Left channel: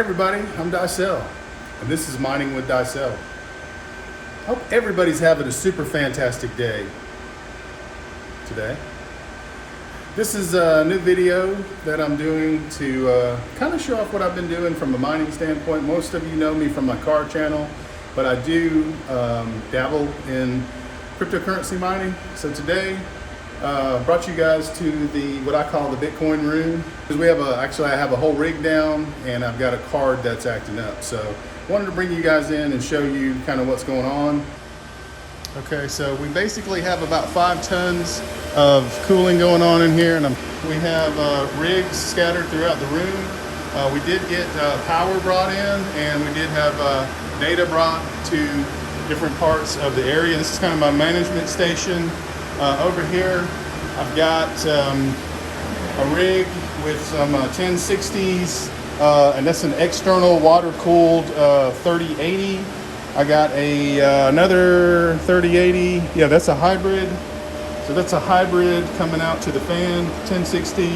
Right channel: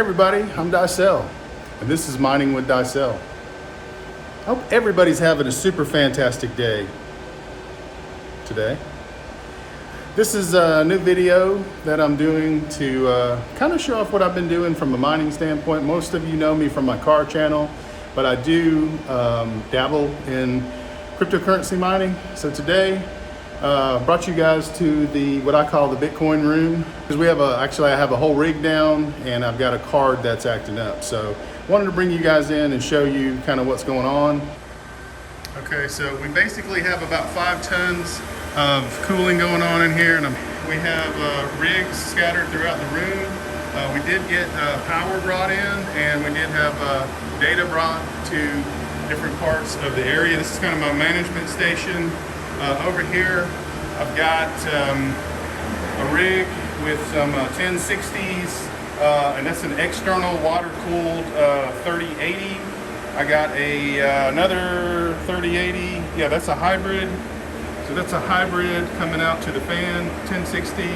Hey everybody, I'm Dicel, and this is Mining with Dicel. Hope everybody's having a super fantastic day today. This is a new video that I'm doing to kind of show off what I've been doing from a mining standpoint. Most of you know me from my car channel, but I do dabble in cryptocurrency mining. So today, brought you guys to what I call the Bitcoin room, because we have I have a whole rig down and I've got a card that's acting up. So wanted to bring you guys in and show you kind of what's going on. Okay, so we basically have about 5 tons of cooling going on in here, and we have rigs scattered throughout the room. We did get power brought in, and we did have data brought to different parts of the area. This is kind of my management station. Over here, I've got a rig with some 1060s, and that's an external water-cooled 3080. I got another 3080. Yeah, that's a hybrid. So that's a hybrid coming out to the fan, 1060,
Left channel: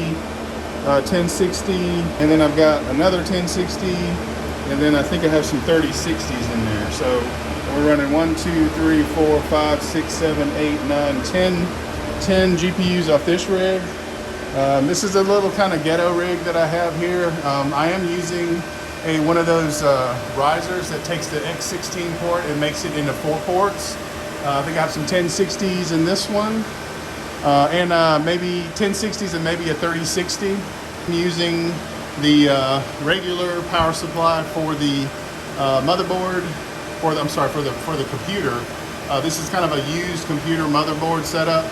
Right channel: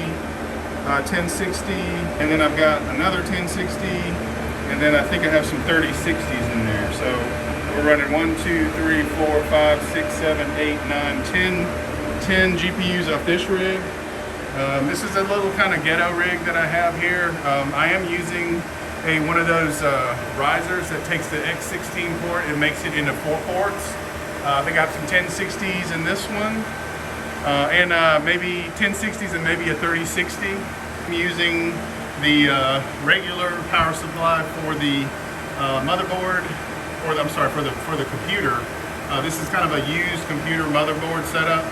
1060, and then I've got another 1060, and then I think I have some 3060s in there. So we're running 1, 2, 3, 4, 5, 6, 7, 8, 9, 10 GPUs off this rig. This is a little kind of ghetto rig that I have here. I am using one of those risers that takes the X16 port and makes it into 4 ports. I think I have some 1060s in this one, and maybe 1060s and maybe a 3060. I'm using the regular power supply for the motherboard, for the computer. This is kind of a used computer motherboard setup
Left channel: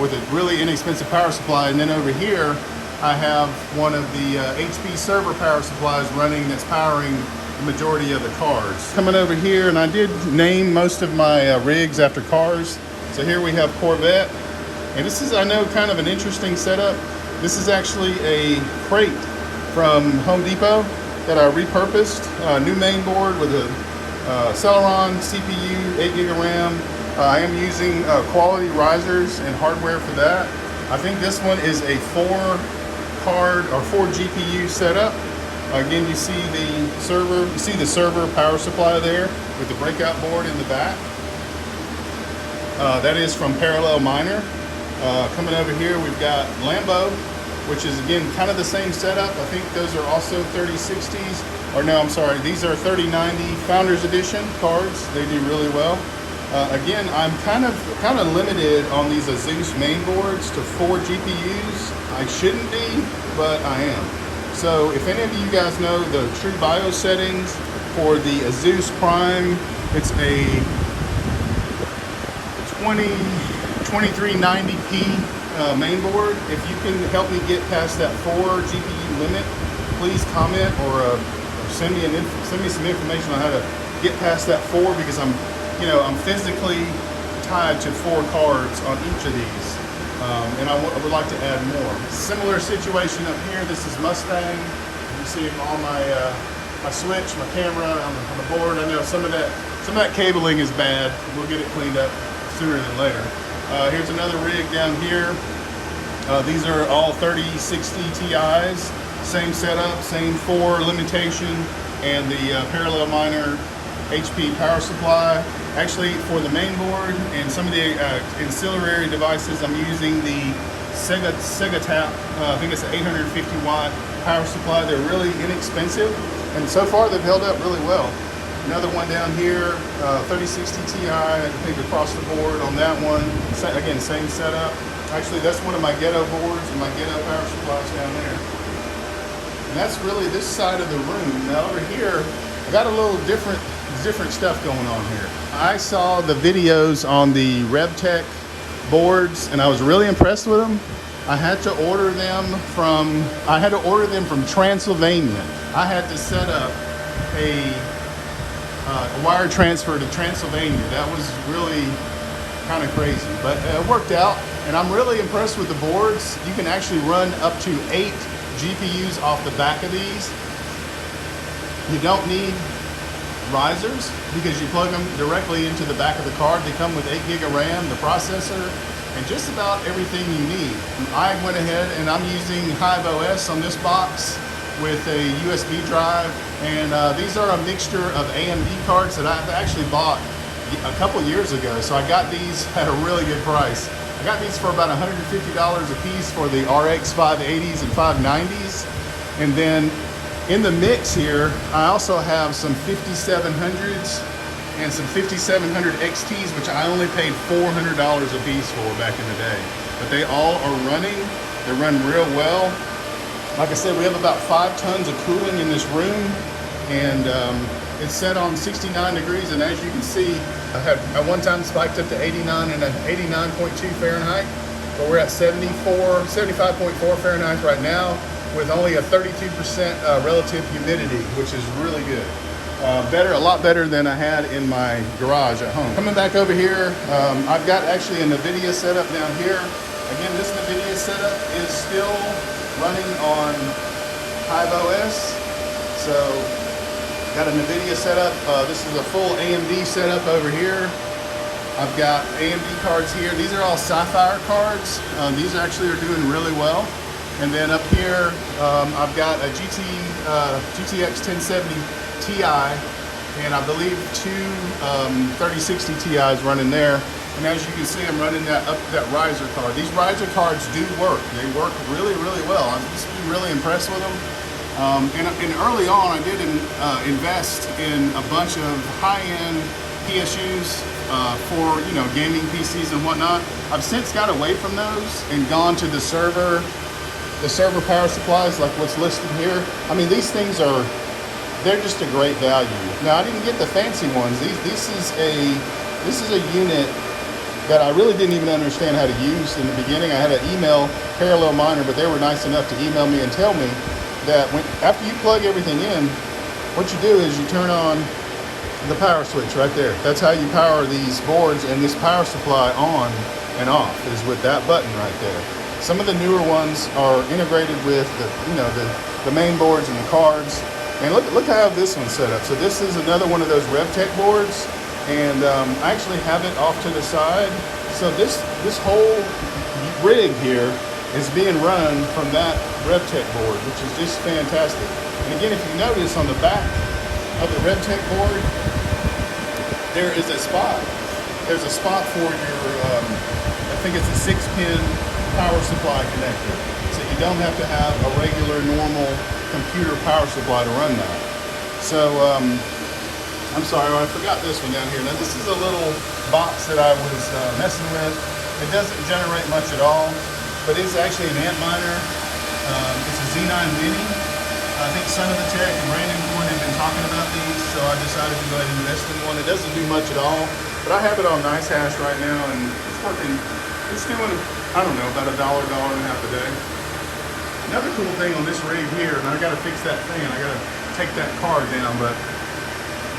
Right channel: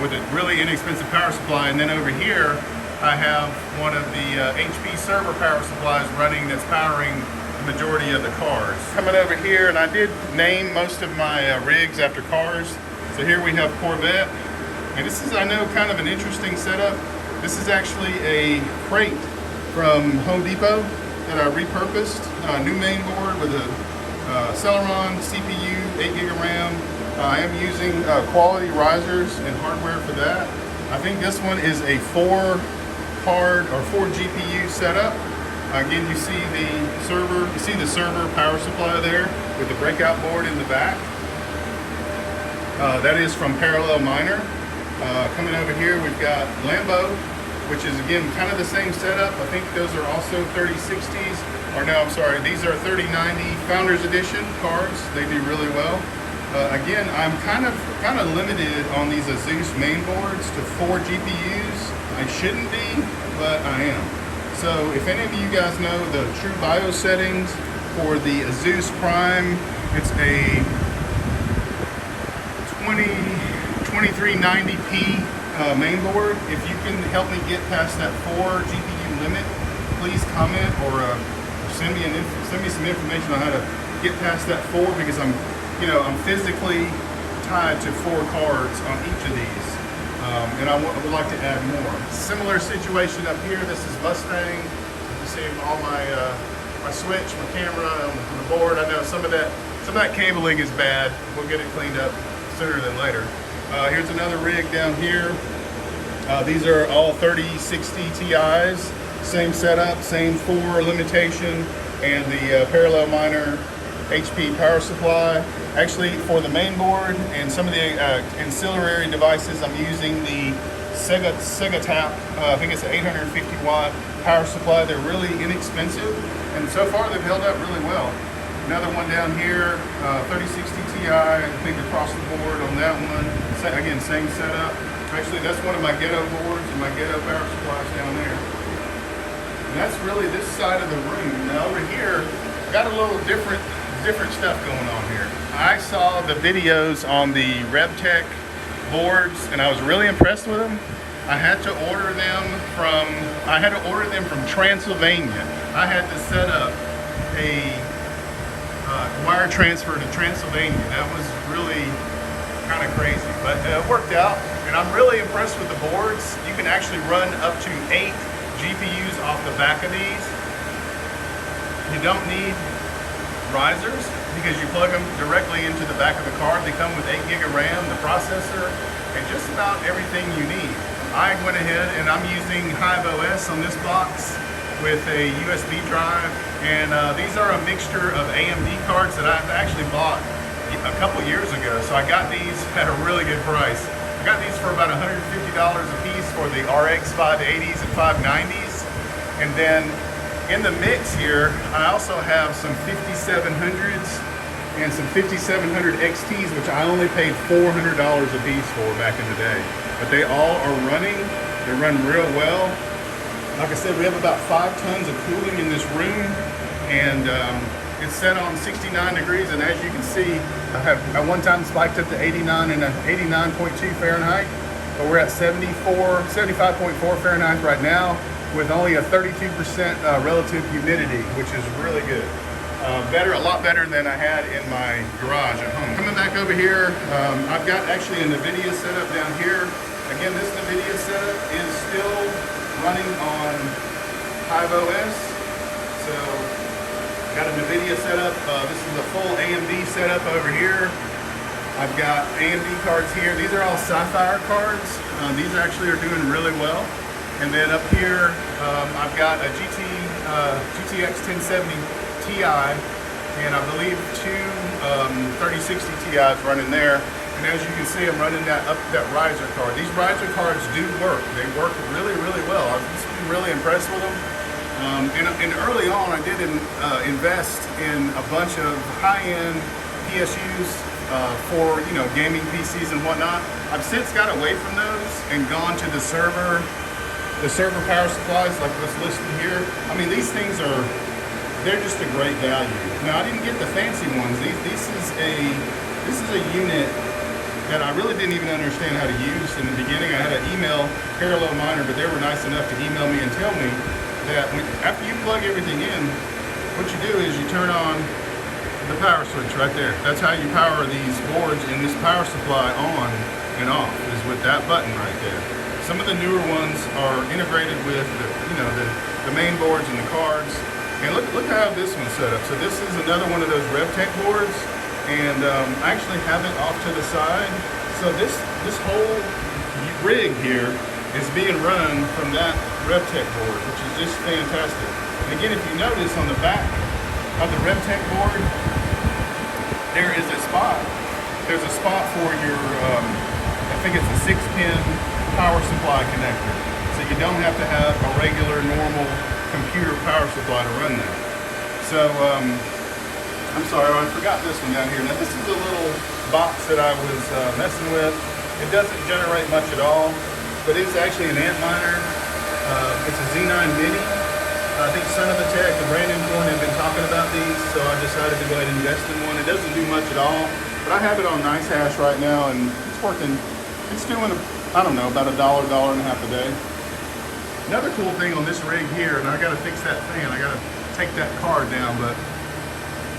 with a really inexpensive power supply, and then over here I have one of the HP server power supplies running that's powering the majority of the cars. Coming over here, and I did name most of my rigs after cars. So here we have Corvette, and this is, I know, kind of an interesting setup. This is actually a crate from Home Depot that I repurposed. New main board with a Celeron CPU, 8 gig of RAM. I am using quality risers and hardware for that. I think this one is a 4 GPU setup. Again, you see the server power supply there with the breakout board in the back. That is from Parallel Miner. Coming over here, we've got Lambo, which is again kind of the same setup. I think those are also 3060s, or no, I'm sorry, these are 3090 Founders Edition cards. They do really well. Again, I'm kind of limited on these Asus main boards to 4 GPUs. I shouldn't be, but I am. So if any of you guys know the true BIOS settings for the Asus Prime, it's a 2390p main board. If you can help me get past that 4 GPU limit, please comment or send me some information on how to get past that 4, because I'm physically tied to 4 cards on each of these, and I would like to add more. Similar situation up here. This is Mustang. You see all my switch, my camera on the board. I know some of that cabling is bad. We'll get it cleaned up sooner than later. Here's another rig down here. These are all 3060 Ti's. Same setup, same 4 limitation, and the Parallel Miner HP power supply. Actually, for the main board and some of the ancillary devices, I'm using the Sega Tap. I think it's an 850 watt power supply. They're really inexpensive, and so far they've held up really well. Another one down here, 3060 Ti, I think across the board on that one. Again, same setup. Actually, that's one of my ghetto boards and my ghetto power supplies down there. And that's really this side of the room. Now over here, I've got a little different stuff going on here. I saw the videos on the Rebtech boards, and I was really impressed with them. I had to order them from Transylvania. I had to set up a wire transfer to Transylvania. That was really kind of crazy, but it worked out, and I'm really impressed with the boards. You can actually run up to 8 GPUs off the back of these. You don't need risers because you plug them directly into the back of the card. They come with 8 gig of RAM, the processor, and just about everything you need. I went ahead and I'm using Hive OS on this box with a USB drive And these are a mixture of AMD cards that I've actually bought a couple years ago. So I got these at a really good price. I got these for about $150 a piece for the RX 580s and 590s. And then in the mix here, I also have some 5700s and some 5700 XTs, which I only paid $400 a piece for back in the day. But they all are running. They run real well. Like I said, we have about 5 tons of cooling in this room, and it's set on 69 degrees. And as you can see, I have at one time spiked up to 89 and 89.2 Fahrenheit, but we're at 75.4 Fahrenheit right now, with only a 32% relative humidity, which is really good. A lot better than I had in my garage at home. Coming back over here, I've got actually a NVIDIA setup down here. Again, this NVIDIA setup is still running on Hive OS. So, got a NVIDIA setup. This is a full AMD setup over here. I've got AMD cards here. These are all Sapphire cards. These actually are doing really well. And then up here, I've got a GTX 1070 Ti, and I believe 2 3060 Ti's running there. And as you can see, I'm running that riser card. These riser cards do work. They work really, really well. I've just been really impressed with them. And early on, I did invest in a bunch of high-end PSUs for gaming PCs and whatnot. I've since got away from those and gone to the server power supplies like what's listed here. I mean, these things they're just a great value. Now, I didn't get the fancy ones. This is a unit that I really didn't even understand how to use in the beginning. I had an email, Parallel Miner, but they were nice enough to email me and tell me that after you plug everything in, what you do is you turn on the power switch right there. That's how you power these boards, and this power supply on and off is with that button right there. Some of the newer ones are integrated with the main boards and the cards. And look how this one's set up. So this is another one of those Rebtech boards, and I actually have it off to the side. So this whole rig here is being run from that Rebtech board, which is just fantastic. And again, if you notice on the back of the Rebtech board, there is a spot. There's a spot for your, I think it's a 6-pin power supply connector. So you don't have to have a regular, normal computer power supply to run that. So, I'm sorry, I forgot this one down here. Now, this is a little box that I was messing with. It doesn't generate much at all, but it's actually an Antminer. It's a Z9 Mini. I think Sonofatech and Brandon have been talking about these, so I decided to go ahead and invest in one. It doesn't do much at all, but I have it on Nice Hash right now, and it's working. It's doing, I don't know, about $1, $1.50 a day. Another cool thing on this rig here, and I got to fix that fan. I got to take that card down, but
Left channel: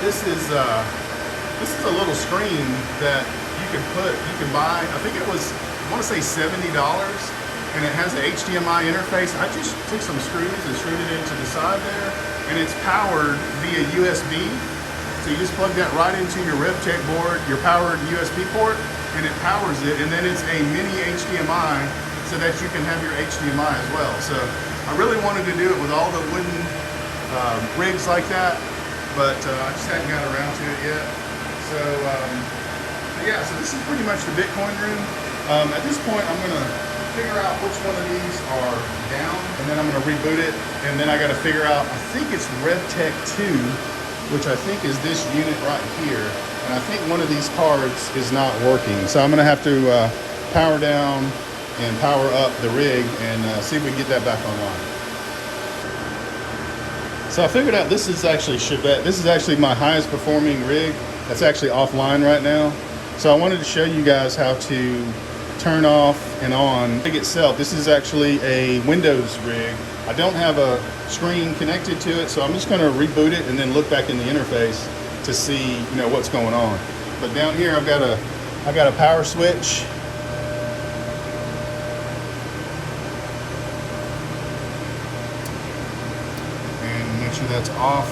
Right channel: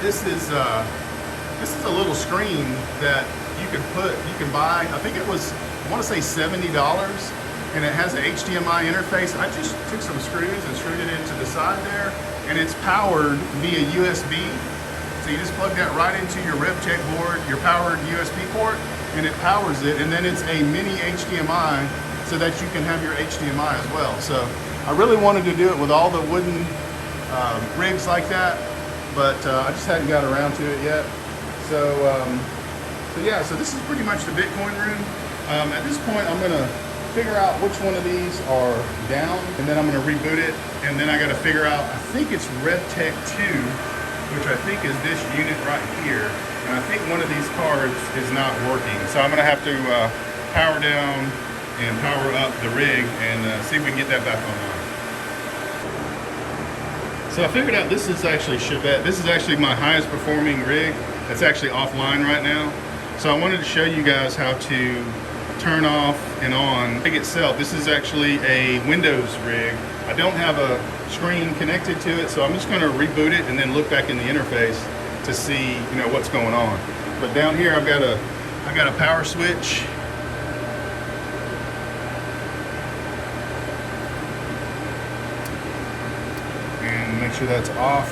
this is a little screen that you can buy. I think it was, I want to say $70, and it has the HDMI interface. I just took some screws and screwed it into the side there, and it's powered via USB. So you just plug that right into your Rebtech board, your powered USB port, and it powers it, and then it's a mini HDMI so that you can have your HDMI as well. So I really wanted to do it with all the wooden rigs like that, but I just hadn't got around to it yet. So, yeah, so this is pretty much the Bitcoin room. At this point, I'm gonna figure out which one of these are down, and then I'm gonna reboot it, and then I gotta figure out, I think it's Rebtech 2, which I think is this unit right here, and I think one of these cards is not working. So I'm gonna have to power down and power up the rig and see if we can get that back online. So I figured out this is actually Chevette. This is actually my highest performing rig that's actually offline right now. So I wanted to show you guys how to turn off and on the rig itself. This is actually a Windows rig. I don't have a screen connected to it, so I'm just gonna reboot it and then look back in the interface to see what's going on. But down here I got a power switch. Make sure that's off,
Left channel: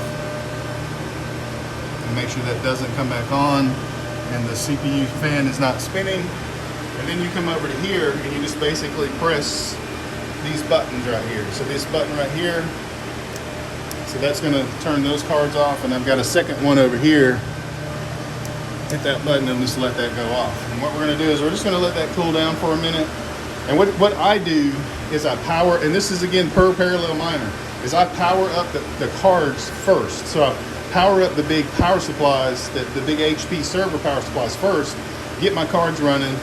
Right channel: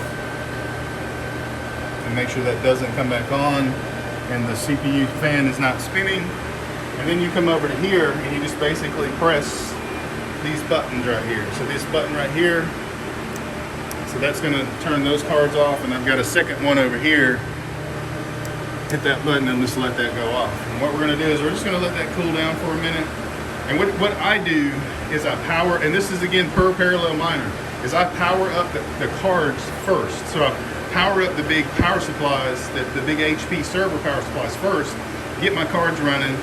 and make sure that doesn't come back on, and the CPU fan is not spinning. And then you come over to here and you just basically press these buttons right here. So this button right here, so So that's going to turn those cards off, and I've got a second one over here. Hit that button and just let that go off. And what we're going to do is we're just going to let that cool down for a minute. And what I do is I power, and this is again per parallel miner, is I power up the cards first. So I power up the big power supplies, the big HP server power supplies first, get my cards running,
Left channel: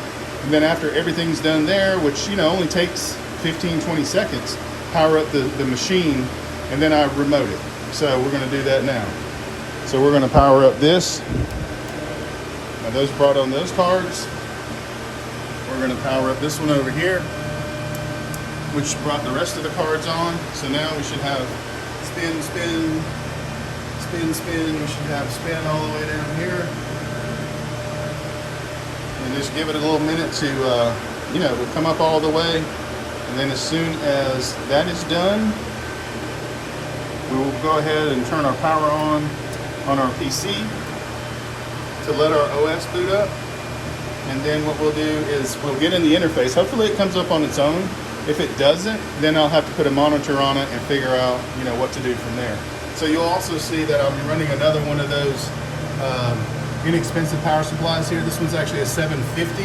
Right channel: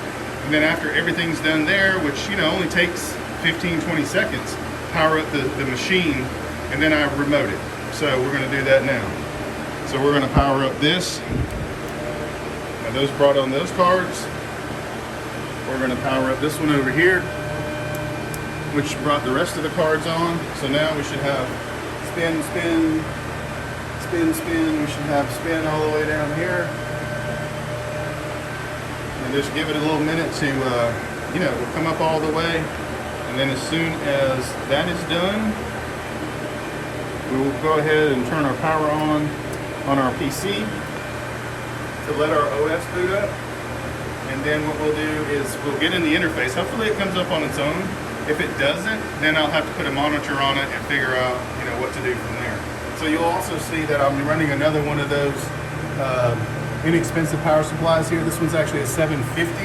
and then after everything's done there, which only takes 15-20 seconds, power up the machine, and then I remote it. So we're going to do that now. So we're going to power up this. Now those brought on those cards. We're going to power up this one over here, which brought the rest of the cards on. So now we should have spin, spin, spin, spin. We should have spin all the way down here. And just give it a little minute to, to come up all the way. And then as soon as that is done, we will go ahead and turn our power on our PC to let our OS boot up. And then what we'll do is we'll get in the interface. Hopefully it comes up on its own. If it doesn't, then I'll have to put a monitor on it and figure out, what to do from there. So you'll also see that I'm running another one of those inexpensive power supplies here. This one's actually a 750.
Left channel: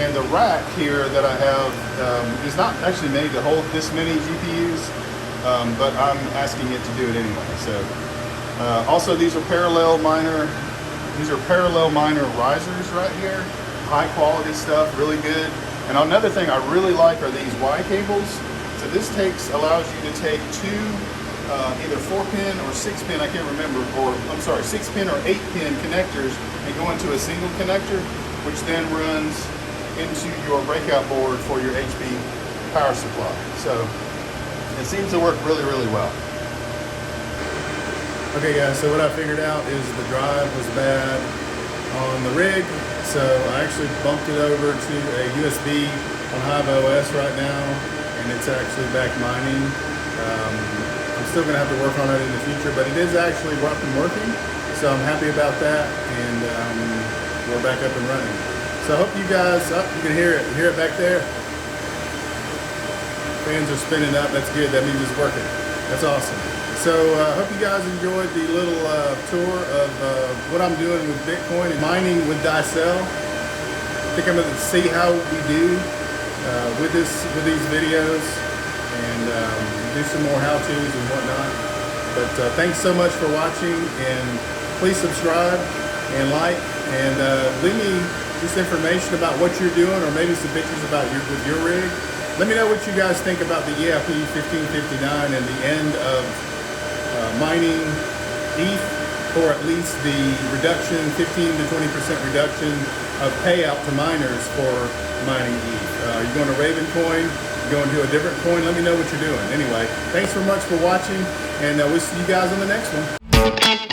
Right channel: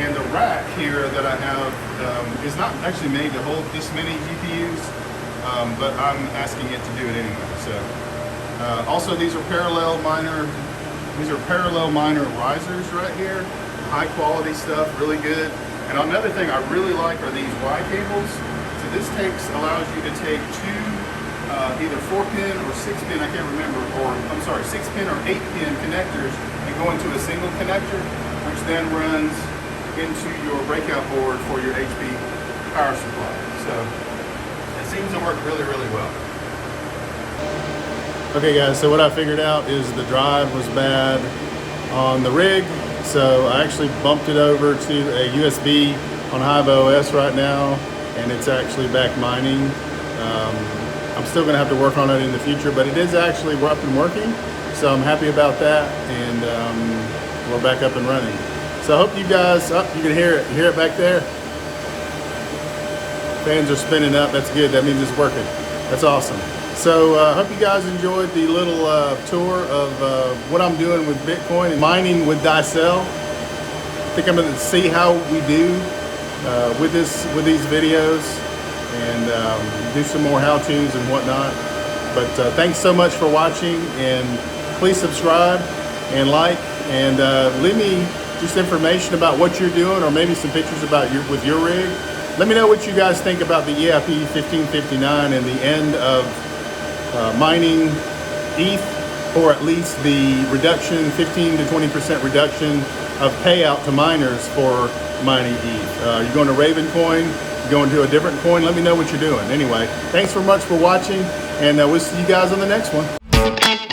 And the rack here that I have is not actually made to hold this many GPUs, but I'm asking it to do it anyway. So also these are parallel miner risers right here. High quality stuff, really good. And another thing I really like are these Y cables. So this allows you to take two either 4-pin or 6-pin, I can't remember, 6-pin or 8-pin connectors and go into a single connector, which then runs into your breakout board for your HP power supply. So it seems to work really, really well. Okay guys, so what I figured out is the drive was bad on the rig. So I actually bumped it over to a USB on Hive OS right now, and it's actually back mining. I'm still gonna have to work on it in the future, but it is actually up and working. So I'm happy about that, and we're back up and running. So I hope you guys, you can hear it back there. Fans are spinning up, that's good, that means it's working. That's awesome. So I hope you guys enjoyed the little tour of what I'm doing with Bitcoin and mining with Dicel. I think I'm going to see how we do with these videos and do some more how-tos and whatnot. But thanks so much for watching, and please subscribe and like, and leave me just information about what you're doing, or maybe some pictures about with your rig. Let me know what you guys think about the EIP 1559 and the end of mining ETH, or at least the reduction, 15 to 20% reduction of payout to miners for mining ETH. You're going to Ravencoin, you're going to a different coin. Let me know what you're doing. Anyway, thanks so much for watching, and we'll see you guys on the next one.